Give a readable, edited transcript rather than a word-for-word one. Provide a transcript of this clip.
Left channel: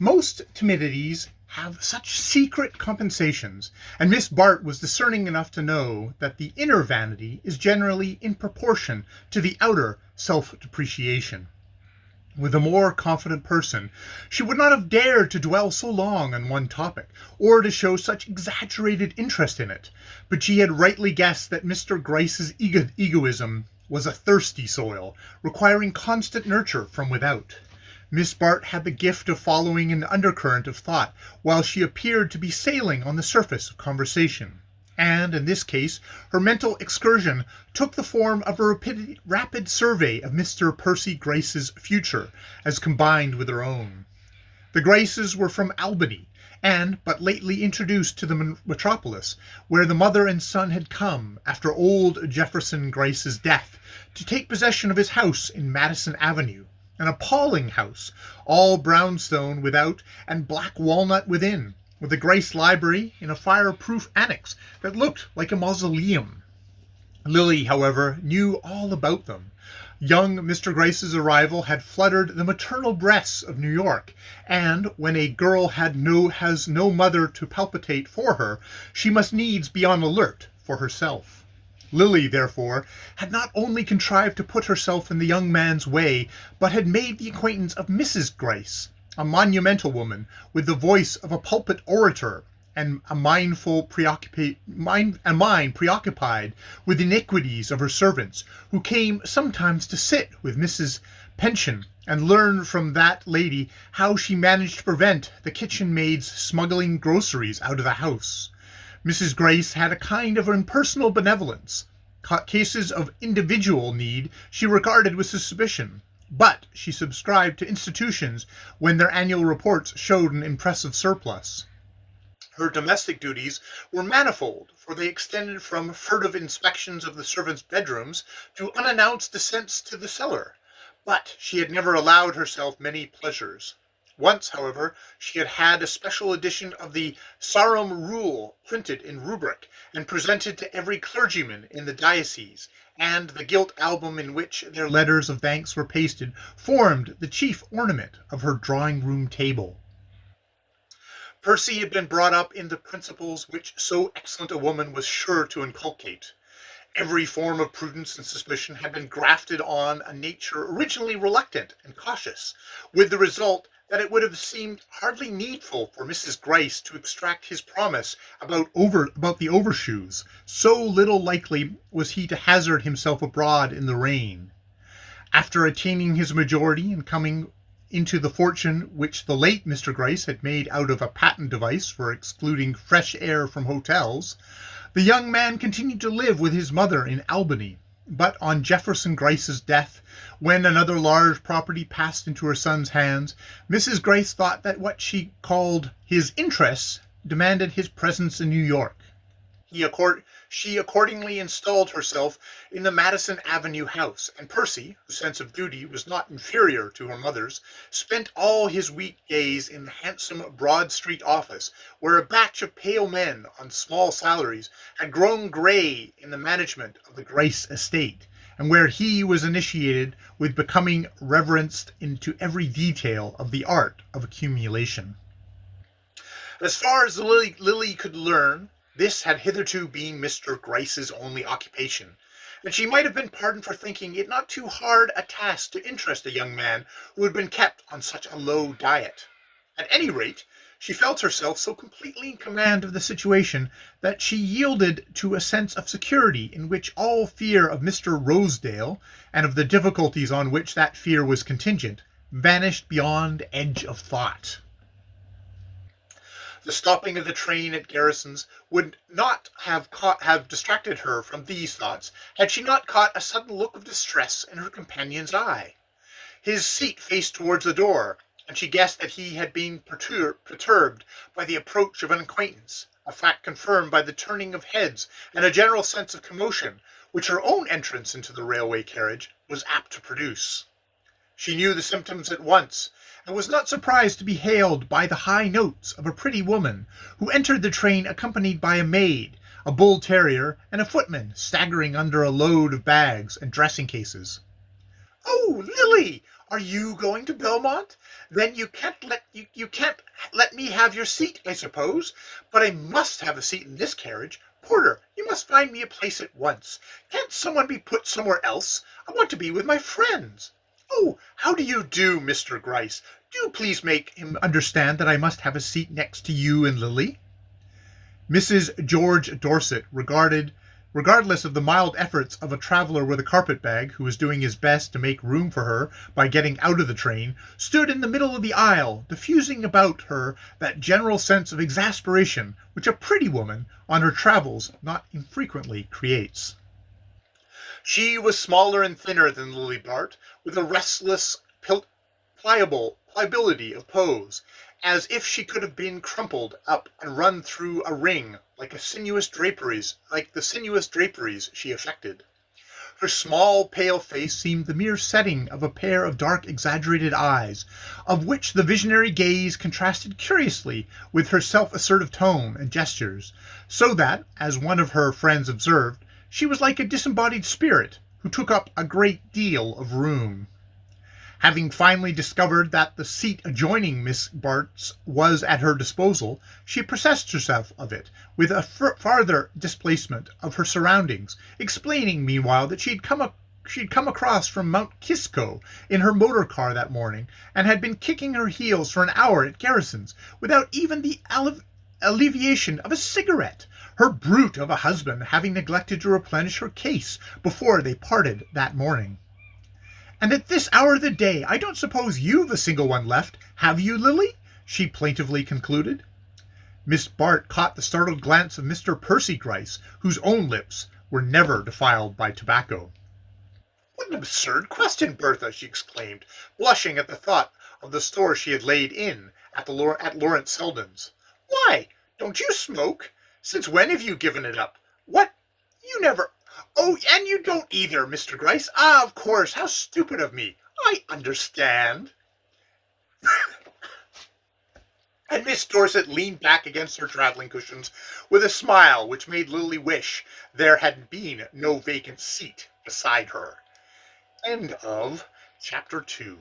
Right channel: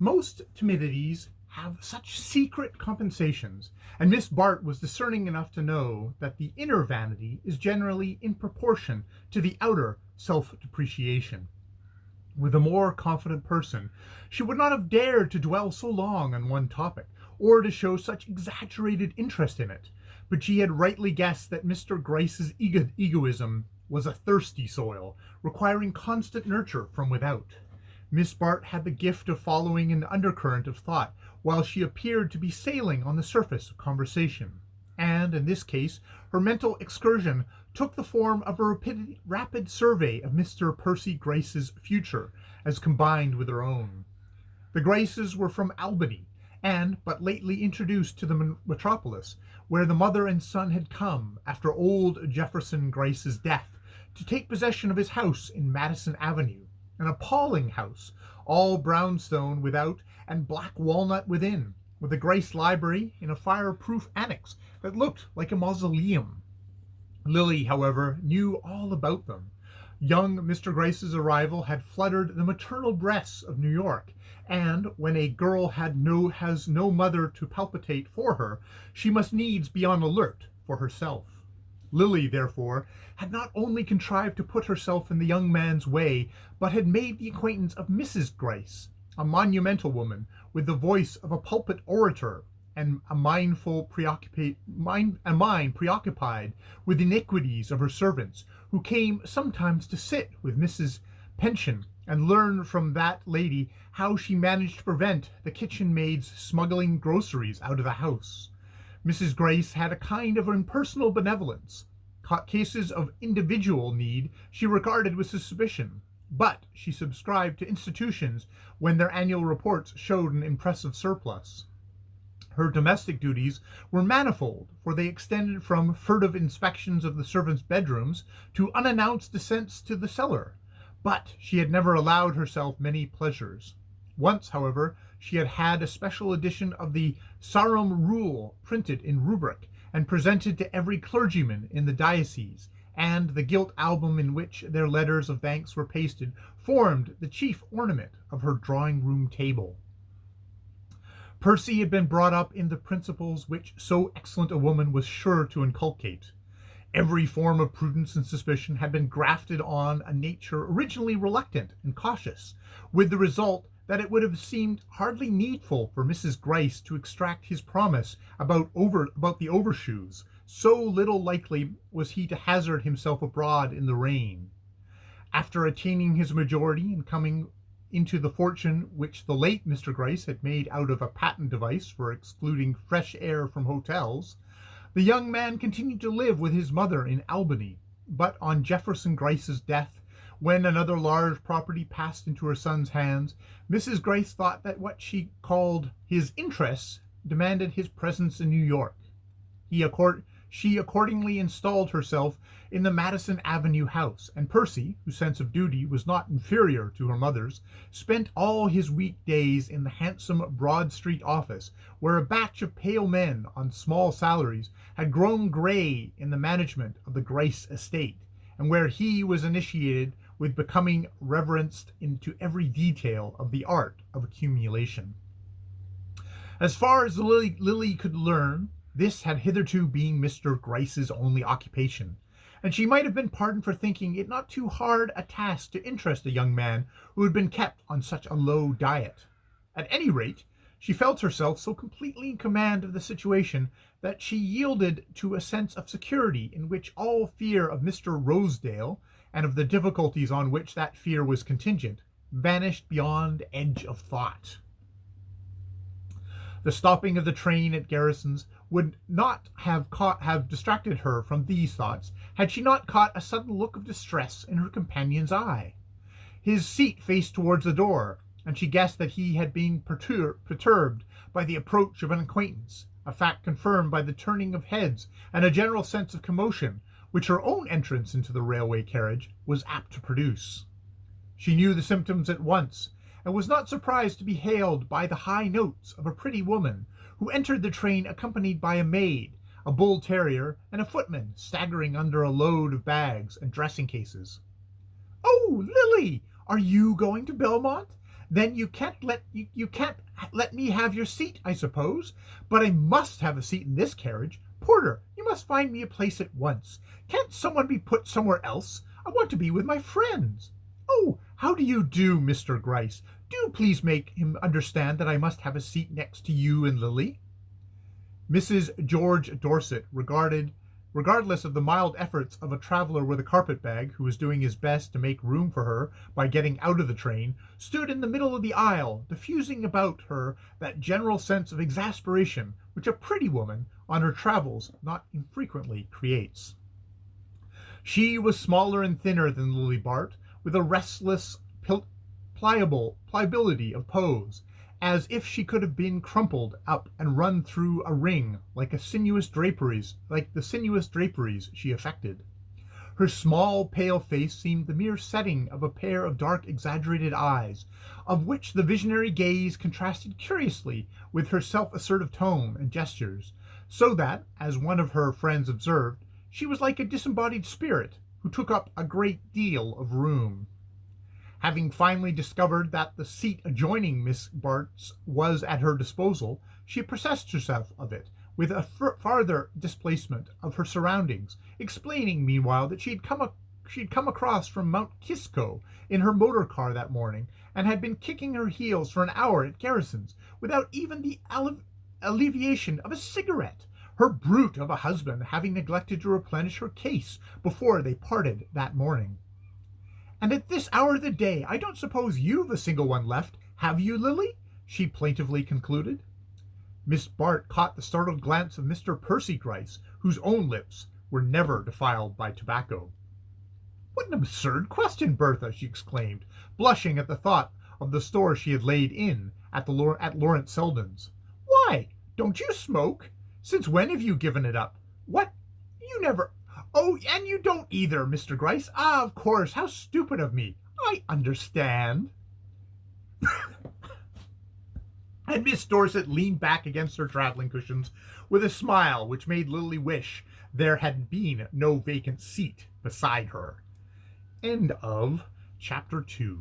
Most timidities have such secret compensations, and Miss Bart was discerning enough to know that the inner vanity is generally in proportion to the outer self-depreciation. With a more confident person, she would not have dared to dwell so long on one topic, or to show such exaggerated interest in it, but she had rightly guessed that Mr. Gryce's egoism was a thirsty soil, requiring constant nurture from without. Miss Bart had the gift of following an undercurrent of thought, while she appeared to be sailing on the surface of conversation. And, in this case, her mental excursion took the form of a rapid survey of Mr. Percy Gryce's future, as combined with her own. The Gryces were from Albany, and but lately introduced to the metropolis, where the mother and son had come, after old Jefferson Gryce's death, to take possession of his house in Madison Avenue, an appalling house, all brownstone without and black walnut within, with a Gryce library in a fireproof annex that looked like a mausoleum. Lily, however, knew all about them. Young Mr. Gryce's arrival had fluttered the maternal breasts of New York, and when a girl has no mother to palpitate for her, she must needs be on alert for herself. Lily, therefore, had not only contrived to put herself in the young man's way, but had made the acquaintance of Mrs. Gryce, a monumental woman with the voice of a pulpit orator, and a mind preoccupied with the iniquities of her servants, who came sometimes to sit with Mrs. Pension and learn from that lady how she managed to prevent the kitchen maids smuggling groceries out of the house. Mrs. Gryce had a kind of impersonal benevolence. Cases of individual need she regarded with suspicion, but she subscribed to institutions when their annual reports showed an impressive surplus. Her domestic duties were manifold, for they extended from furtive inspections of the servants' bedrooms to unannounced descents to the cellar, but she had never allowed herself many pleasures. Once, however, she had had a special edition of the Sarum Rule printed in rubric and presented to every clergyman in the diocese, and the gilt album in which their letters of thanks were pasted formed the chief ornament of her drawing-room table. Percy had been brought up in the principles which so excellent a woman was sure to inculcate. Every form of prudence and suspicion had been grafted on a nature originally reluctant and cautious, with the result that it would have seemed hardly needful for Mrs. Gryce to extract his promise about the overshoes, so little likely was he to hazard himself abroad in the rain. After attaining his majority and coming into the fortune which the late Mr. Gryce had made out of a patent device for excluding fresh air from hotels, the young man continued to live with his mother in Albany, but on Jefferson Gryce's death, when another large property passed into her son's hands, Mrs. Gryce thought that what she called his interests demanded his presence in New York. She accordingly installed herself in the Madison Avenue house, and Percy, whose sense of duty was not inferior to her mother's, spent all his weekdays in the handsome Broad Street office, where a batch of pale men on small salaries had grown gray in the management of the Gryce estate, and where he was initiated with becoming reverenced into every detail of the art of accumulation. As far as Lily could learn, this had hitherto been Mr. Gryce's only occupation, and she might have been pardoned for thinking it not too hard a task to interest a young man who had been kept on such a low diet. At any rate, she felt herself so completely in command of the situation that she yielded to a sense of security in which all fear of Mr. Rosedale, and of the difficulties on which that fear was contingent, vanished beyond edge of thought. The stopping of the train at Garrison's would not have distracted her from these thoughts had she not caught a sudden look of distress in her companion's eye. His seat faced towards the door, and she guessed that he had been perturbed by the approach of an acquaintance, a fact confirmed by the turning of heads and a general sense of commotion which her own entrance into the railway carriage was apt to produce. She knew the symptoms at once, and was not surprised to be hailed by the high notes of a pretty woman, who entered the train accompanied by a maid, a bull terrier, and a footman staggering under a load of bags and dressing cases. "Oh, Lily! Are you going to Belmont? Then you can't let me have your seat, I suppose. But I must have a seat in this carriage. Porter, you must find me a place at once. Can't someone be put somewhere else? I want to be with my friends. Oh, how do you do, Mr. Gryce? Do please make him understand that I must have a seat next to you and Lily. Mrs. George Dorset, regardless of the mild efforts of a traveler with a carpet-bag who was doing his best to make room for her by getting out of the train, stood in the middle of the aisle, diffusing about her that general sense of exasperation which a pretty woman on her travels not infrequently creates. She was smaller and thinner than Lily Bart, with a restless pliability of pose, as if she could have been crumpled up and run through a ring like the sinuous draperies she affected. Her small, pale face seemed the mere setting of a pair of dark, exaggerated eyes, of which the visionary gaze contrasted curiously with her self-assertive tone and gestures, so that, as one of her friends observed, she was like a disembodied spirit who took up a great deal of room. Having finally discovered that the seat adjoining Miss Bart's was at her disposal, she possessed herself of it with a farther displacement of her surroundings, explaining meanwhile that she'd come across from Mount Kisco in her motor car that morning, and had been kicking her heels for an hour at Garrison's without even the alleviation of a cigarette, her brute of a husband having neglected to replenish her case before they parted that morning. And at this hour of the day, I don't suppose you've a single one left, have you, Lily? She plaintively concluded. Miss Bart caught the startled glance of Mr. Percy Gryce, whose own lips were never defiled by tobacco. What an absurd question, Bertha, she exclaimed, blushing at the thought of the store she had laid in at Lawrence Selden's. Why, don't you smoke? Since when have you given it up? What? You never... Oh, and you don't either, Mr. Gryce. Ah, of course, how stupid of me. I understand. And Miss Dorset leaned back against her traveling cushions with a smile which made Lily wish there had been no vacant seat beside her. End of Chapter 2.